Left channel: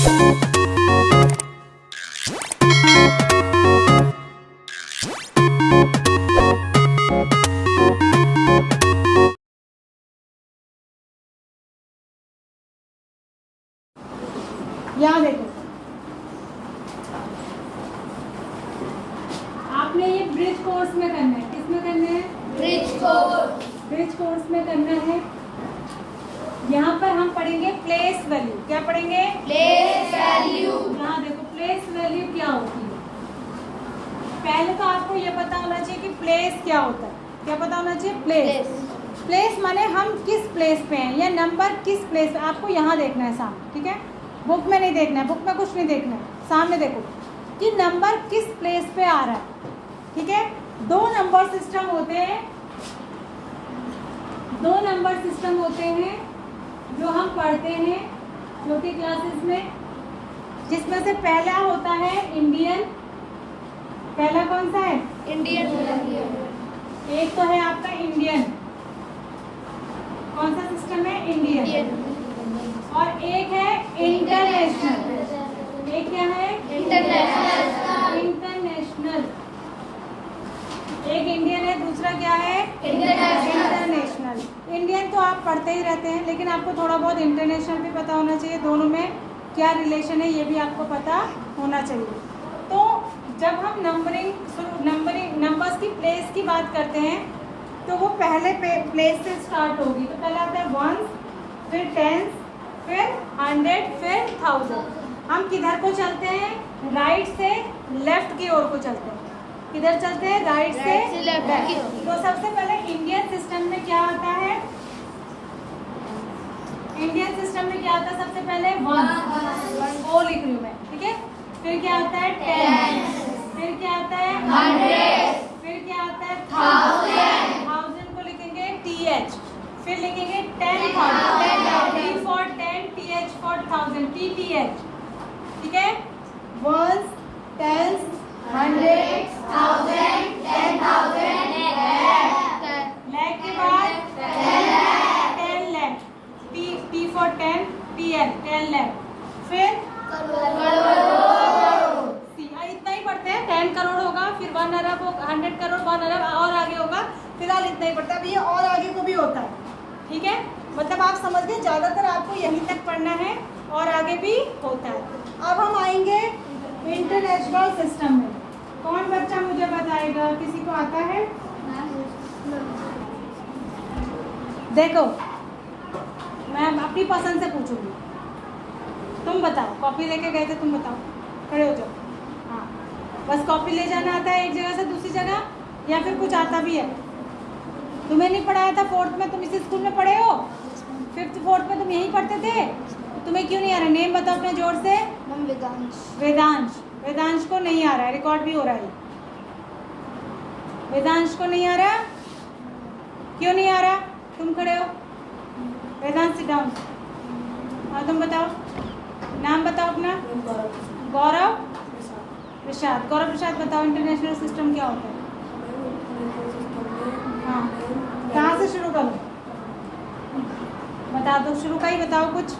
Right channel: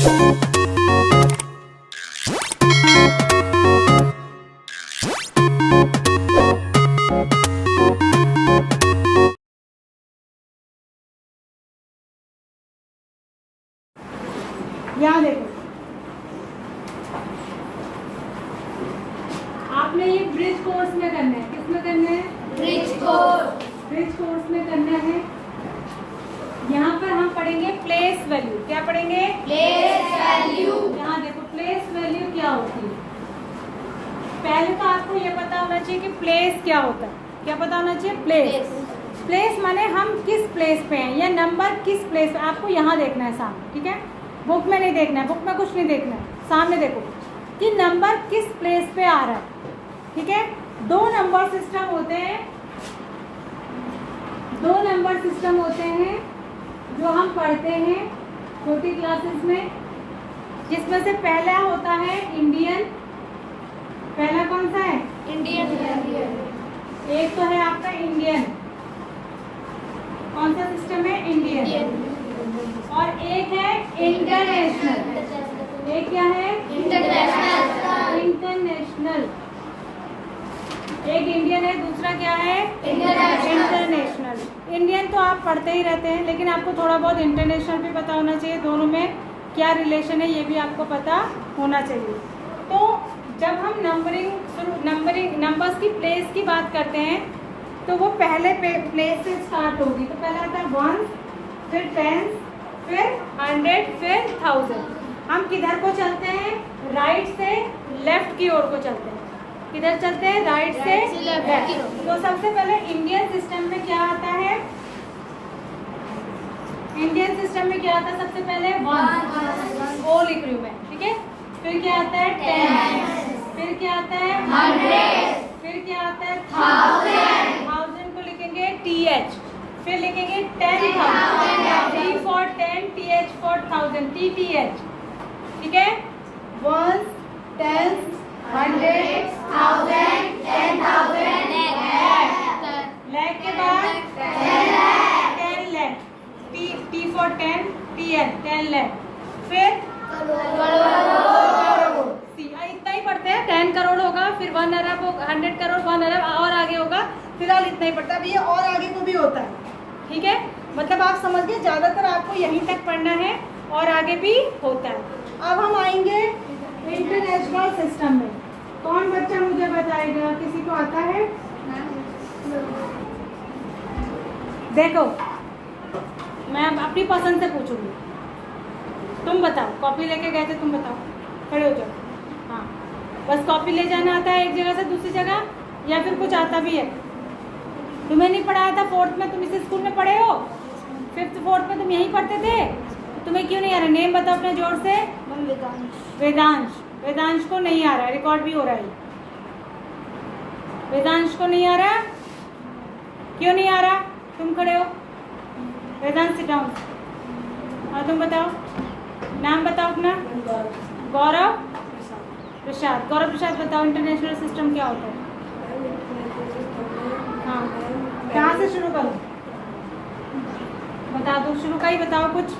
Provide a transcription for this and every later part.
यहाँ देखो, आपने ये ब्रिज कोर्स में करना है। किस में करना है? ब्रिज कोर्स में करना है। यहाँ पर हम पढ़ेंगे प्लेस वैल्यू। क्या पढ़ेंगे? Place value. यहाँ देखो, प्लेस वैल्यू क्या होती है। पहले तो आपको ये पता होना चाहिए कि प्लेस क्या होता है। क्या पता होना चाहिए? प्लेस माने हम किस प्लेस पे हैं, या नंबर किस प्लेस पे। आपको यहाँ देखना है सामने, ठीक है? बुक में नहीं देखना है, बुक में कुछ नहीं देखना है, सामने देखो कि नंबर किस प्लेस पे आ रहा है, ठीक है? दो नंबर सिस्टम होते हैं जो हम पढ़ते हैं छोटी क्लासेस में, जिसमें से पहला होता है इंडियन। पहला कौन सा है? इंडियन। एक तो है आपका इंडियन। कौन सा सिस्टम है? इंडियन। और एक है इंटरनेशनल। एक क्या है? इंटरनेशनल। एक इंडियन है, दूसरा क्या है? इंटरनेशनल। इंडियन तो आप पढ़ते ही रहते हैं, लेकिन आपको थोड़ा बहुत इंटरनेशनल भी पता होना चाहिए। दोनों में क्या रिलेशन है ये भी आपको पता होना चाहिए। तो जब हम नंबर्स की प्लेस की बात करते हैं तो वो पहले प्लेस से स्टार्ट होगी। तो पहला आता है 1, फिर 10, फिर 100, फिर 1000। हम किधर को चलते हैं? राइट से लेफ्ट की ओर को चलते हैं। किधर चलते हैं? राइट से लेफ्ट। तो सबसे पहले इंडियन सिस्टम में क्या आता है? इंडियन सिस्टम में क्या आता है? सबसे पहले 1 ओ लिख रही हूँ मैं, ठीक है? फिर क्या आता है? 10। फिर क्या आता है? 100। फिर क्या आता है? 1000 को लिखेंगे TH। फिर लिखेंगे 10,000। T for 10, TH for 1000, TTH, ठीक है? 1, 10, 100, 1000, 10,000, lakh के बाद 10 lakh, T for 10, TL, 10 lakh। फिर इतना ही पढ़ते हैं। 10 करोड़ होगा, फिर 1 अरब, 100 करोड़, 1 अरब, और आगे होगा। फिलहाल इतना ही पढ़ता है। अभी ये और आगे को भी होता है, ठीक है? मतलब आप समझ गए, ज़्यादातर आपको यहीं तक पढ़ना है और आगे भी होता है। अब हम आएंगे इंटरनेशनल सिस्टम में। कौन बच्चा मुझे बताएगा? किसी को आता है? देखो, मैं अपनी पसंद से पूछूंगी। तुम बताओ, कॉपी लेके गए थे, तुम बताओ, खड़े हो जाओ। हाँ, बस कॉपी ले जाना आता है एक जगह से दूसरी जगह, या फिर कुछ आता भी है? तुम्हें नहीं पढ़ाया था 4th में? तुम इस स्कूल में पढ़े हो? 5th 4th में तुम यहीं पढ़ते थे? तुम्हें क्यों नहीं आ रहा? नेम बताओ अपना जोर से। वेदांश को नहीं आ रहा है, रिकॉर्ड भी हो रहा है। वेदांश को नहीं आ रहा? क्यों नहीं आ रहा? तुम खड़े हो। Vedansh sit down. और तुम बताओ, नाम बताओ अपना। गौरव प्रसाद। गौरव प्रसाद बताओ, इंटरनेशनल सिस्टम क्या होता है? हाँ, कहाँ से शुरू करूँ? बता दो, शुरू का ही बताओ कुछ।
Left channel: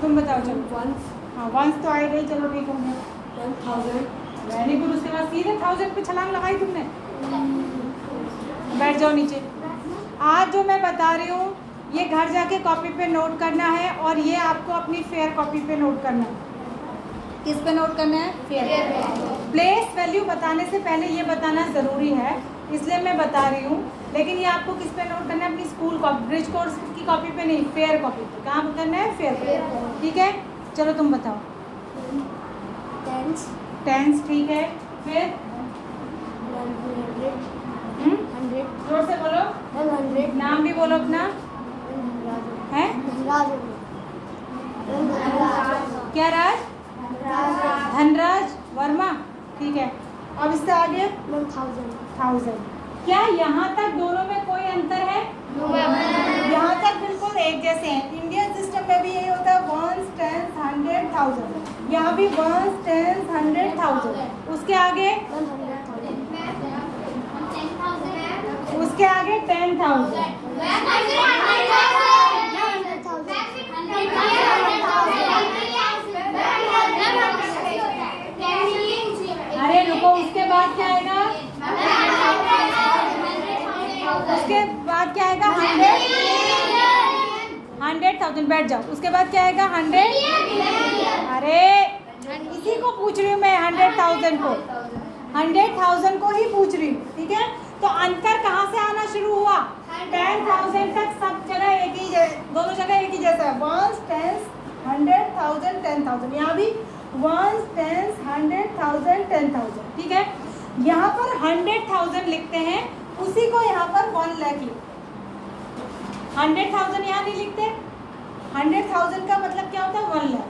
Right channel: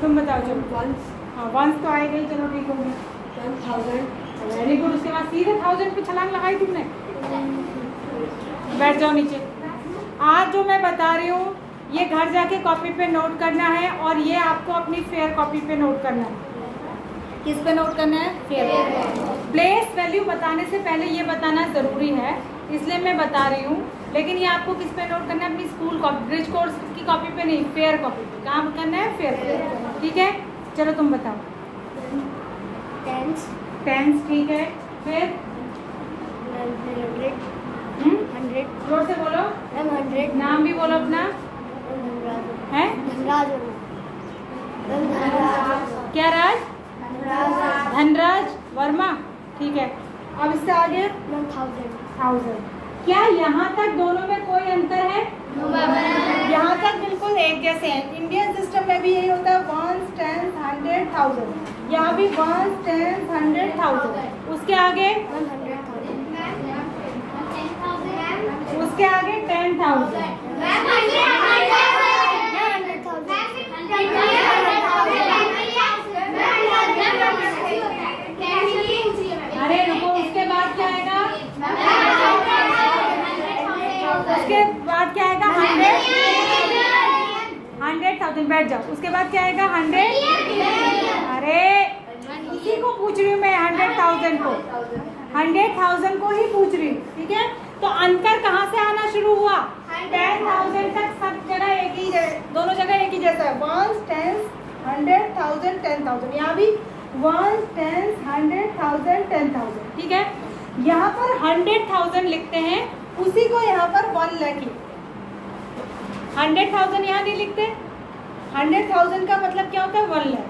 तुम बताओ। चलो, हाँ, 1 तो आए गई, चलो ठीक हो गया। 10,000, वेरी गुड। उसके बाद सीधे 1000 पे छलांग लगाई तुमने। बैठ जाओ नीचे। आज जो मैं बता रही हूँ ये घर जाके कॉपी पे नोट करना है, और ये आपको अपनी फेयर कॉपी पे नोट करना है। किस पे नोट करना है? फेयर। प्लेस वैल्यू बताने से पहले ये बताना ज़रूरी है, इसलिए मैं बता रही हूँ। लेकिन ये आपको किस पे नोट करना है? अपनी स्कूल कॉपी, ब्रिज कोर्स की कॉपी पे नहीं, फेयर कॉपी पे। कहाँ पे करना है? फेयर पे, ठीक है? चलो तुम बताओ। 10, ठीक है। फिर 100, जोर से बोलो। 100, नाम भी बोलो अपना। है क्या? राज? धनराज वर्मा, ठीक है। अब इससे आगे 1000। क्या यहाँ तक दोनों में कोई अंतर है? यहाँ तक बिल्कुल एक जैसे हैं। इंडियन सिस्टम में भी यही होता है, 1, 10, 100, 1000। यहाँ भी 1, 10, 100, 1000। उसके आगे 10,000। 10,000 बैठ जाओ। उसके बाद क्या आएगा 100, अरे इसी को पूछ रही हूँ मैं, 100,000 को, 100,000 को ही पूछ रही हूँ, ठीक है। तो अंतर कहाँ से आना शुरू हुआ, 10,000 तक सब जगह एक ही, दोनों जगह एक ही जैसा है, 1 10 100,000 10,000, यहाँ भी 1 10 100,000 10,000, ठीक है। यहाँ पर 100,000 लिखते हैं, उसी को यहाँ पर 1 लाख लिखते, 100,000 यहाँ नहीं लिखते। 100,000 का मतलब क्या होता है 1 लाख,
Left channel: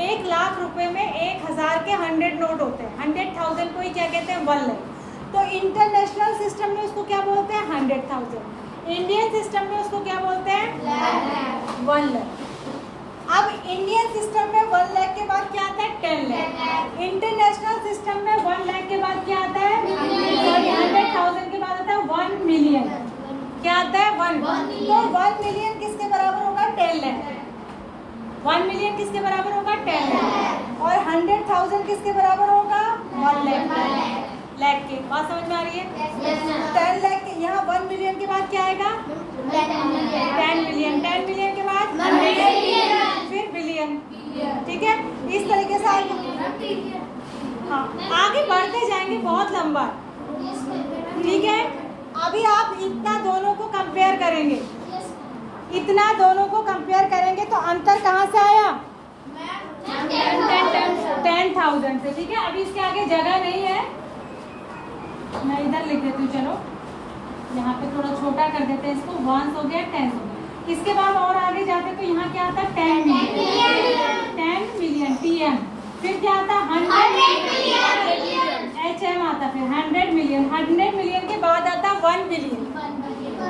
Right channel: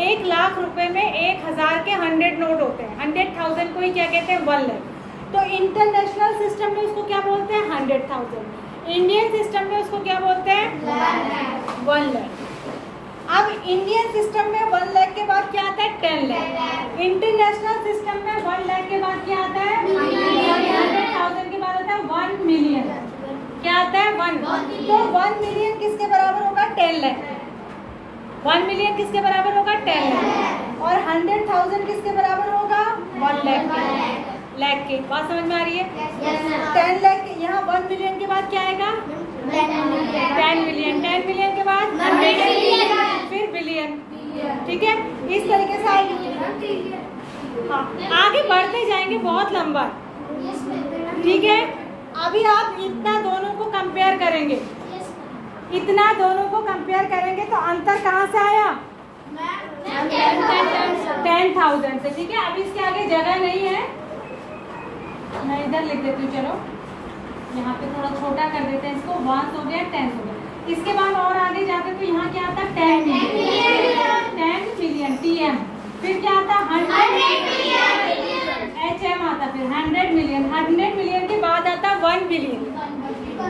1 लाख रुपए में 1,000 के 100 नोट होते हैं, 100,000 को ही क्या कहते हैं 1 लाख। तो इंटरनेशनल सिस्टम में उसको क्या बोलते हैं 100,000, इंडियन सिस्टम में उसको क्या बोलते हैं 1 लाख। अब इंडियन सिस्टम में 1 लाख के बाद क्या आता है 10 लाख, इंटरनेशनल सिस्टम में 1 लाख के बाद क्या आता है 100,000 के बाद आता है 1 मिलियन, क्या आता है 1। तो 1 मिलियन किसके बराबर होगा 10 लाख, 1 मिलियन किसके बराबर होगा 10 लाख, और 100,000 किसके बराबर होगा 1 लाख, लाख के। बात समझ में आ रही है? 10 लाख के यहाँ 1 मिलियन के बाद क्या आएगा 10 मिलियन, 10 मिलियन के बाद फिर बिलियन, ठीक है। इस तरीके से हाँ आगे बढ़ते जाएंगे, बहुत लंबा, ठीक है। अभी आप इतना दोनों को कंपेयर करेंगे, इतना दोनों को कंपेयर करेंगे तो अंतर कहाँ से आया 10,000 से, ठीक है। अभी इसके आगे जगह नहीं है, मैं इधर लिख देती हूँ, चलो यहाँ पे थोड़ा छोटा कर देते हैं इसको, 1 हो गया 10 हो गया। इसके बाद और आगे जाते तो यहाँ क्या आता 10 मिलियन TM, फिर क्या आता 100 HM आता, फिर 100 मिलियन, 100 मिलियन के बाद आता 1 बिलियन,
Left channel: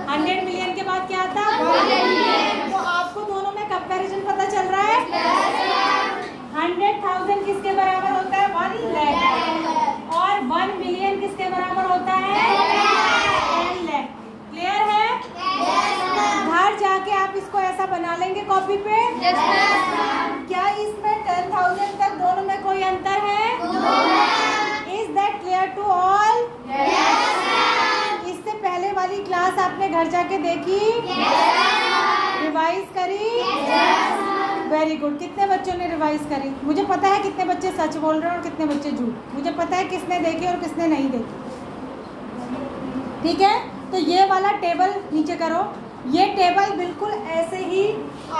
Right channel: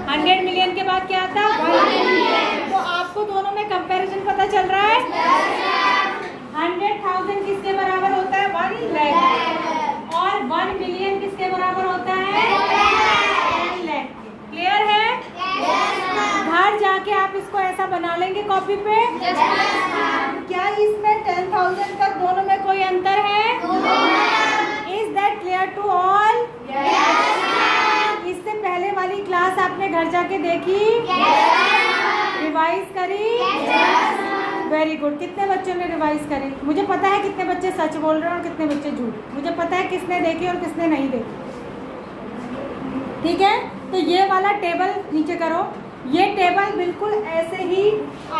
100 मिलियन के बाद क्या आता 1 बिलियन। तो आपको दोनों में कंपैरिजन पता चल रहा है, 100,000 किसके बराबर होता है 1 लाख, और 1 बिलियन किसके बराबर होता है 10 लाख। क्लियर है? घर जाके आप इसको ऐसा बना लेंगे कॉपी पे। क्या इसमें 10,000 तक दोनों में कोई अंतर है? Is that clear to all? इससे पहले वाली क्लास आपने घर जाके देखी, रिवाइज करी? Very good. कितने बच्चों ने रिवाइज करी? मुझे पता है कितने बच्चे सच बोल रहे हैं और कितने बच्चे झूठ, मुझे पता है किसने देखी और किसने नहीं देखी, ठीक है। तो ये वाला टेबल नीचे करो, ये टेबल बिल्कुल ऐसे ही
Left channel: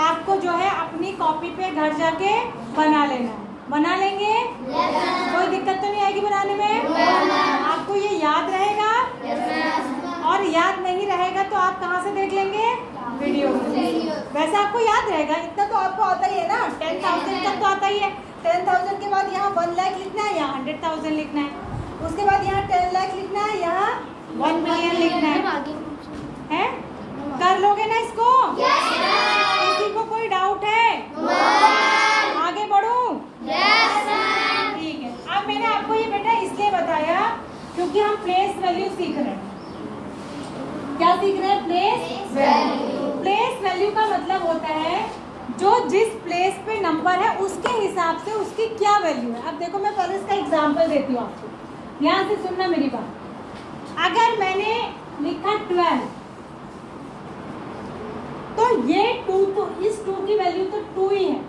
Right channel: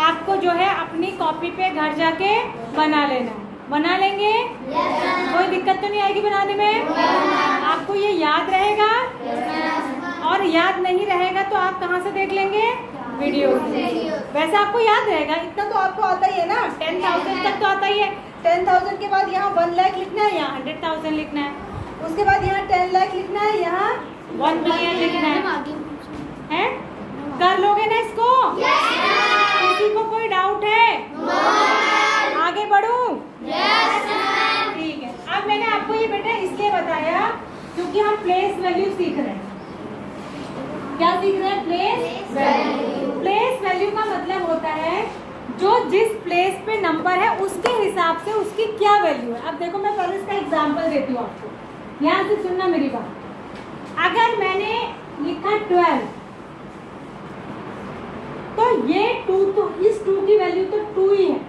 आपको जो है अपनी कॉपी पे घर जाके बना लेना है। बना लेंगे? कोई दिक्कत तो नहीं आएगी बनाने में? आपको ये याद रहेगा? और याद नहीं रहेगा तो आप कहाँ से देख लेंगे? वीडियो। वैसे आपको याद रहेगा, इतना तो आपको आता ही है ना, 10,000 तक तो आता ही है। 10,000 के बाद यहाँ 1 लाख लिखना है, यहाँ 100,000 लिखना है, उसके बाद यहाँ 10 लाख लिखना है, यहाँ 1 मिलियन लिखना है? कर लोगे ना इसको? किसी को कोई डाउट है? आगे बढ़ूं? ठीक है। अब मैंने आपको ये बेटा इसलिए बताया क्योंकि हम प्लेस वैल्यू सीख रहे हैं। क्या सीख रहे हैं? Place value. प्लेस वैल्यू का मतलब होता है जो जिस प्लेस पे नंबर है उसके हिसाब से उसकी क्या वैल्यू है। अब देखो मैं पहले इसका एग्जांपल देती हूँ आपको, यहाँ से सुनना मेरी बात। अगर मैंने लिखा 12 तो ये 2 तो इस 2 की वैल्यू तो 2 ही है,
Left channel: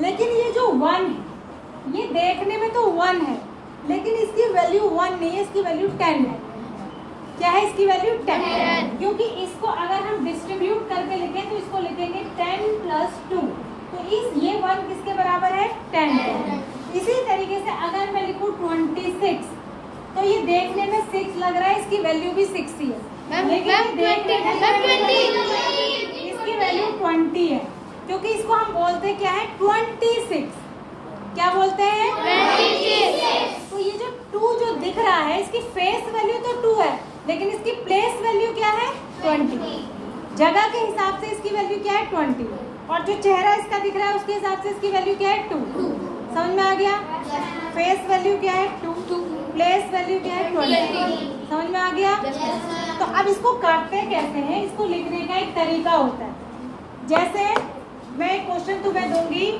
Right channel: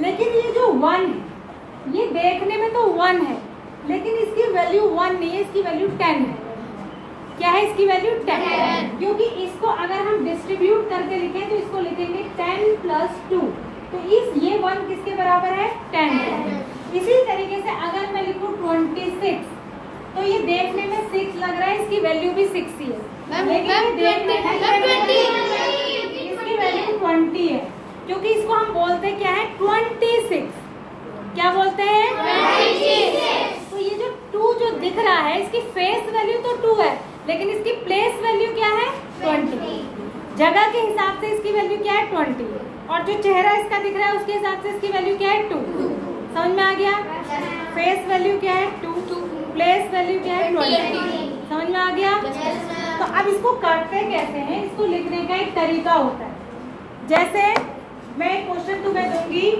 लेकिन ये जो 1 है ये देखने में तो 1 है लेकिन इसकी वैल्यू 1 नहीं है, इसकी वैल्यू 10 है। क्या है इसकी वैल्यू? 10। क्योंकि इसको अगर हम डिस्ट्रीब्यूट करके लिखें तो इसको लिखेंगे 10 + 2, तो ये 1 किसके बराबर है? 10। इसी तरीके से अगर मैं लिखूं 26 तो ये देखने में 6 लग रहा है, इसकी वैल्यू भी 6 ही है, लेकिन देखने में इसकी वैल्यू 20 है, क्योंकि इसको हम बोलते क्या है? 26। क्या बोलते हैं? 26। तो ये जो 2 जो दिख रहा है इसकी फेस वैल्यू तो 2 है, लेकिन इसकी प्लेस वैल्यू क्या है? 20। जगह के हिसाब से इसकी वैल्यू क्या है? 20। और जो चेहरा इसका दिख रहा है उसके हिसाब से इसकी वैल्यू क्या है? 2। समझ में आ गया? फेस वैल्यू क्या है? 2। प्लेस वैल्यू क्या है? 20। समझ में आ गया? तो अब इसको करते कैसे हैं? इसको लिखने का एक तरीका होता है। जैसे मैं एक क्वेश्चन तुम्हें दूंगी,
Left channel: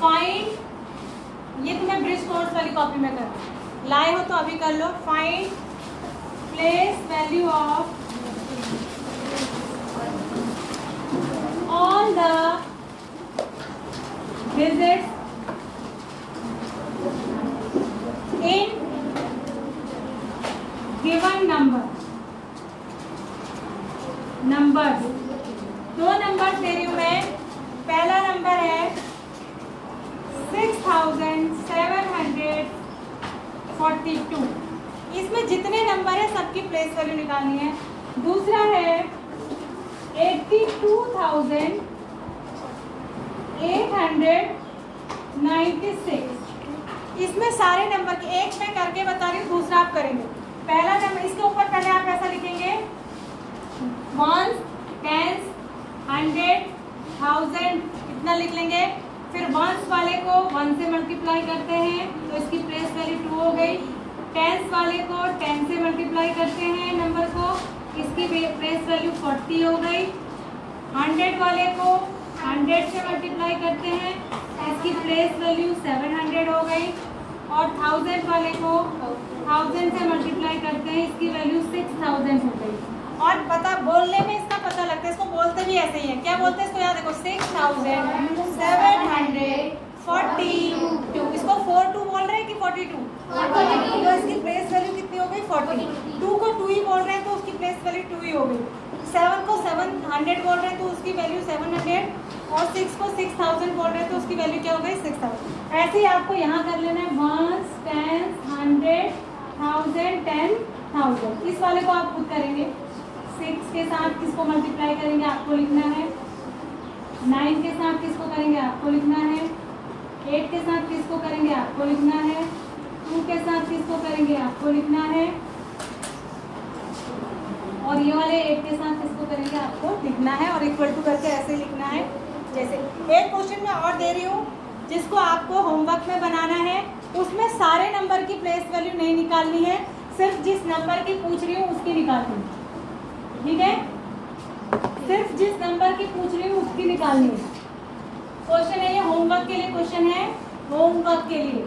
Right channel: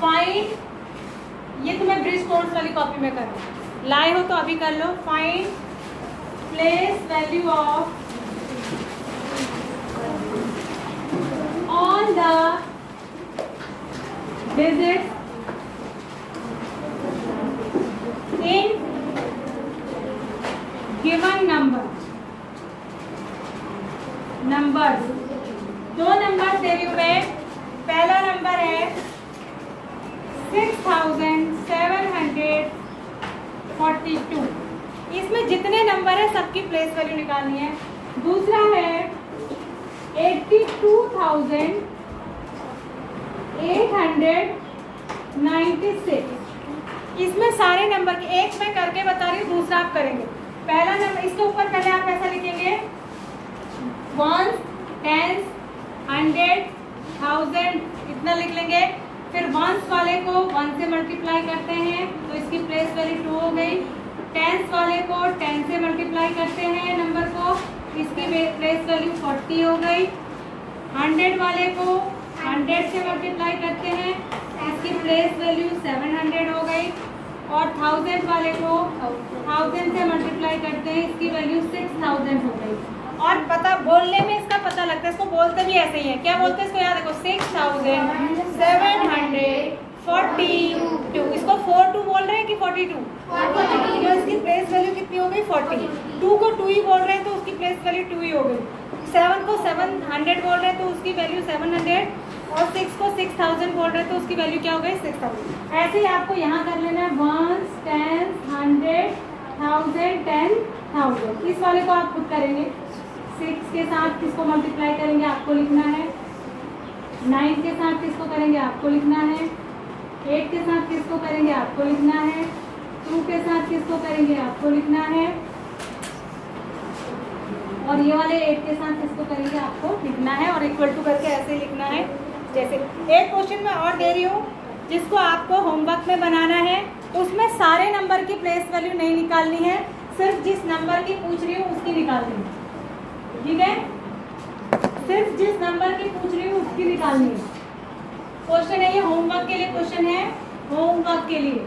फाइंड, ये तुम्हें ब्रिज कोर्स वाली कॉपी में करना, लाए हो तो अभी कर लो। Find place value of digits in given numbers। दो नंबर दे रही हूँ मैं। पहला नंबर है 6742। इसमें जितने नंबर है सबकी प्लेस वैल्यू निकालनी है। दूसरा है 82,896। इसमें सारे नंबर के एक मैं करके बता रही हूँ, दूसरा आप करेंगे। पहला नंबर इसके ऊपर पहले आप ऐसा लिखेंगे 1, 10, 100, 1000 इतना लिख लेंगे। फिर वंस वाले को 1 से मल्टीप्लाई करते हैं तो इसकी प्लेस वैल्यू 2 हो गई। टेंस वाले को 10 से मल्टीप्लाई करते हैं नंबर को, इसकी प्लेस वैल्यू 40 हो गई। 100 वाले को 100 से मल्टीप्लाई करते हैं, इसकी प्लेस वैल्यू 700 हो गई। और 1000 वाले को 1000 से मल्टीप्लाई करते हैं, इसकी वैल्यू 6000 हो गई। और पता बोलने में इसका पता लगता है, इसको बोलते भी ऐसे ही है। क्या बोलते हैं इसको? याद देखो 6742। इसको 42 बोल रहे हैं कि 42? तो इसकी प्लेस वैल्यू कितनी हो गई? 40। 2 को 2 ही बोल रहे हैं तो उसकी प्लेस वैल्यू 2 ही हो गई। 7 को 700 बोल रहे हैं तो उसकी वैल्यू 700। और 6 को 6000 बोल रहे हैं तो उसकी वैल्यू क्या हो गई? 6000। ऐसे ही आपको यहाँ कर लेना है 1, 10, 100, 1000, 10,000। इस वाले को आप खुद करेंगे। 6 के साथ किसको मल्टीप्लाई करेंगे आपको लिखना है। 9 के साथ किसको करेंगे आपको लिखना है। 8 के साथ किसको करेंगे आपको लिखना है। 2 के साथ किसको करेंगे आपको लिखना है। और ये वाले 8 के साथ किसको करेंगे आपको लिखना है। और इक्वल टू करके ऐसे ही लिखना है। जैसे एक क्वेश्चन मैं और दे रही हूँ जिसको आपको होमवर्क में बनाना है। उसमें सारे नंबर की प्लेस वैल्यू नहीं निकालनी है, सिर्फ जिस नंबर की पूछ रही हूँ उसकी निकालनी है। ठीक है, सिर्फ जिस नंबर की पूछ रही हूँ उसकी निकालनी है। क्वेश्चन है ये, होमवर्क के लिए क्वेश्चन है। होमवर्क के लिए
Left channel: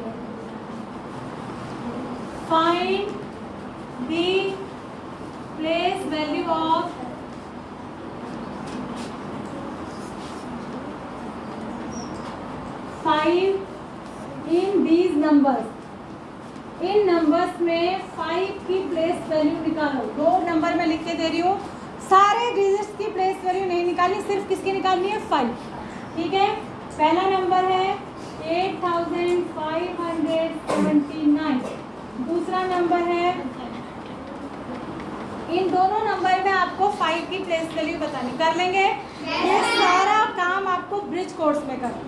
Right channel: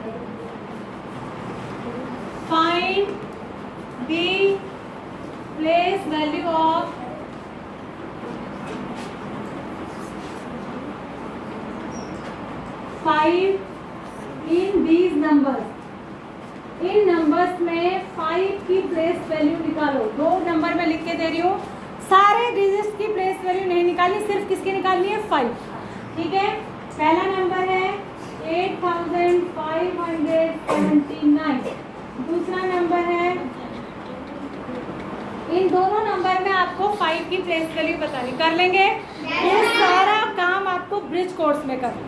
find the place value of 5 in these numbers. In numbers में 5 की प्लेस वैल्यू निकालो। 2 नंबर में लिख के दे रही हूँ, सारे डिजिट्स की प्लेस वैल्यू नहीं निकालनी, सिर्फ किसकी निकालनी है? 5। ठीक है, पहला नंबर है 8579। दूसरा नंबर है, इन दोनों नंबर में आपको 5 की प्लेस वैल्यू बतानी। कर लेंगे? ये सारा काम आपको ब्रिज कोर्स में करिए।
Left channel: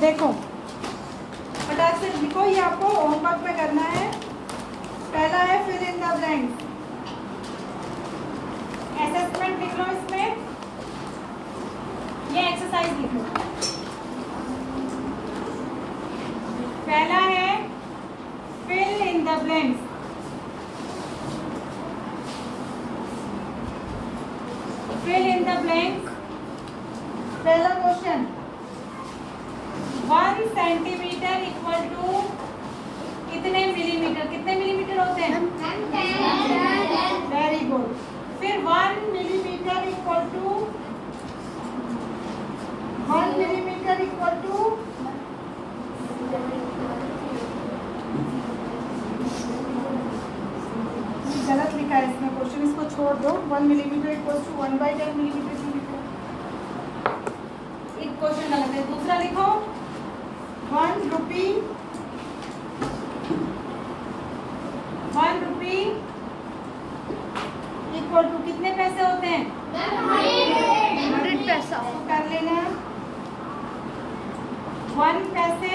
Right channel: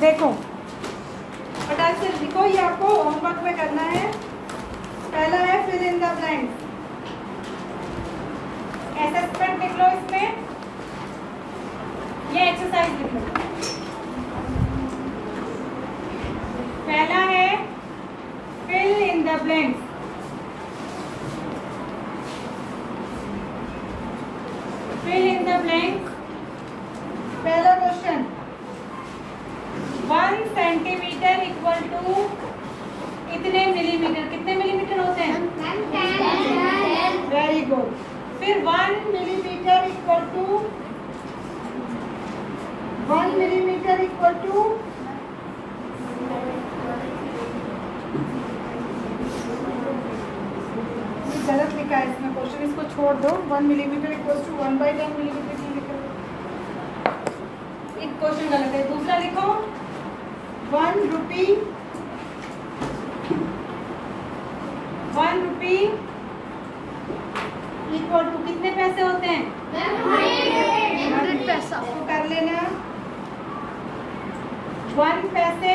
देखो फटाक से लिखो, ये आपको होमवर्क में करना है। पहला है fill in the blanks. Assessment लिख लो, इसमें ये एक्सरसाइज लिख लो। पहला है fill in the blanks. Fill in the blanks. पहला क्वेश्चन, 1 सेंटीमीटर इक्वल टू कितने मिलीमीटर? कितने मिलीमीटर होते हैं? Very good. फिर 1 millimetre equal to 1 millimetre equal to गलत लिखा है इसमें क्वेश्चन, इसको छोड़ दो। 1 मिलीमीटर इक्वल टू 1/10 मिलीमीटर। एक क्वेश्चन गलत है, दूसरा लिखो 1 रुपी इक्वल टू कितने पैसे होते हैं? 100 पैसा। तो कर लेना 1 पैसे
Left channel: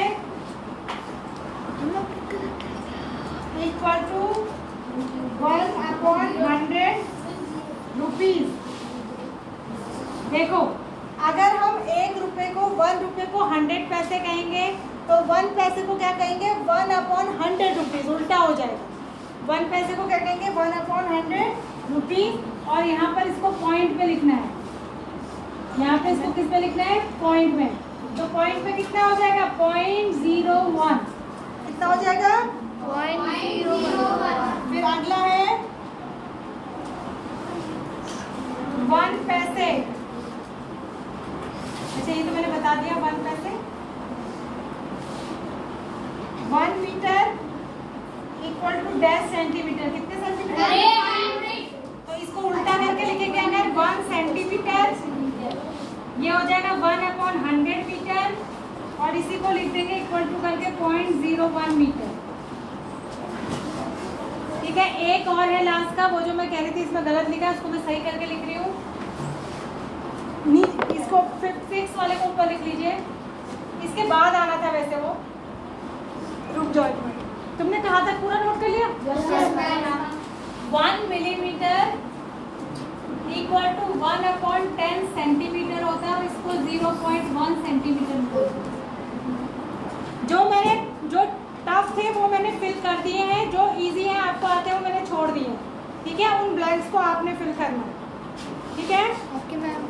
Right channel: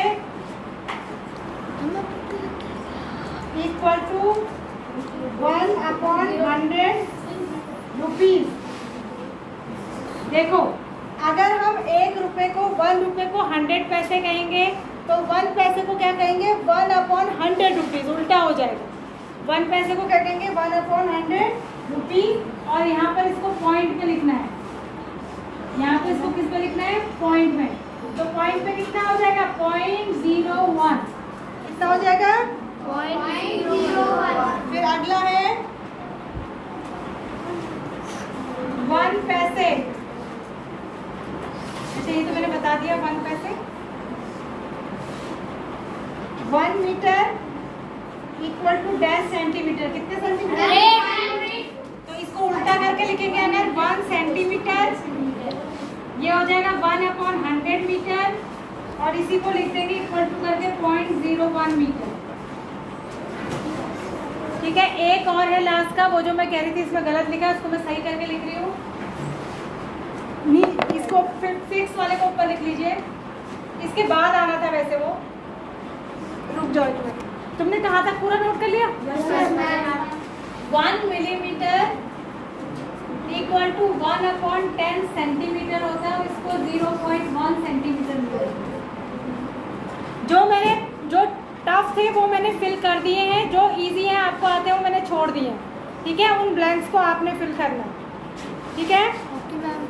इक्वल टू 1/100 रुपीज। देखो, अगर हम 1 रुपए को 1 रुपए को 100 पैसे कहेंगे तो 1 पैसे को क्या कहेंगे? 1/100 रुपीज। उल्टा हो जाएगा। 1 पैसे को क्या कहेंगे? 1/100 रुपीज। और यहाँ पर इसको पॉइंट पे लिखना है। यहाँ पे इसको किस पे लिखना है? पॉइंट में। तो पॉइंट पे कितना हो जाएगा? 0.01। कितना हो जाएगा? 0.01। फिर अगला इक्वल टू डैश सेंटीमीटर, कितने सेंटीमीटर? तो इसको उल्टा करके लिखेंगे अंदर 1 सेंटीमीटर, ये हो जाएगा 1/100 मीटर, और इसी को लिख देंगे इक्वल टू करके 0.01 मीटर। ठीक है, एक और है लास्ट का, वो जो मैं कह रही थी इसमें गलत लिखा, इसको मैं सही करके लिख रही हूँ। इसको 6 वाले को ऊपर लिख लीजिए, इसके बाद आना था वैसे वो, रुक जाओ एक मिनट। तुमने कहा था पूरा नोट कर लिया? 1 मिलीमीटर इक्वल टू 1/10 सेंटीमीटर होता है, इसको 0.1 सेंटीमीटर। जो टफ थे वो मैंने फिल कर दिए हैं, जो इजी है आपको आते हैं वो मैंने छोड़ दिए हैं। ठीक है, उन ब्लैंक्स को आपने फिल करना। ठीक है, ओके मैम।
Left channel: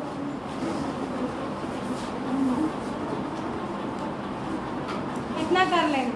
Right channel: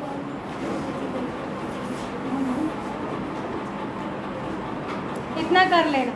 इतना कर लेना।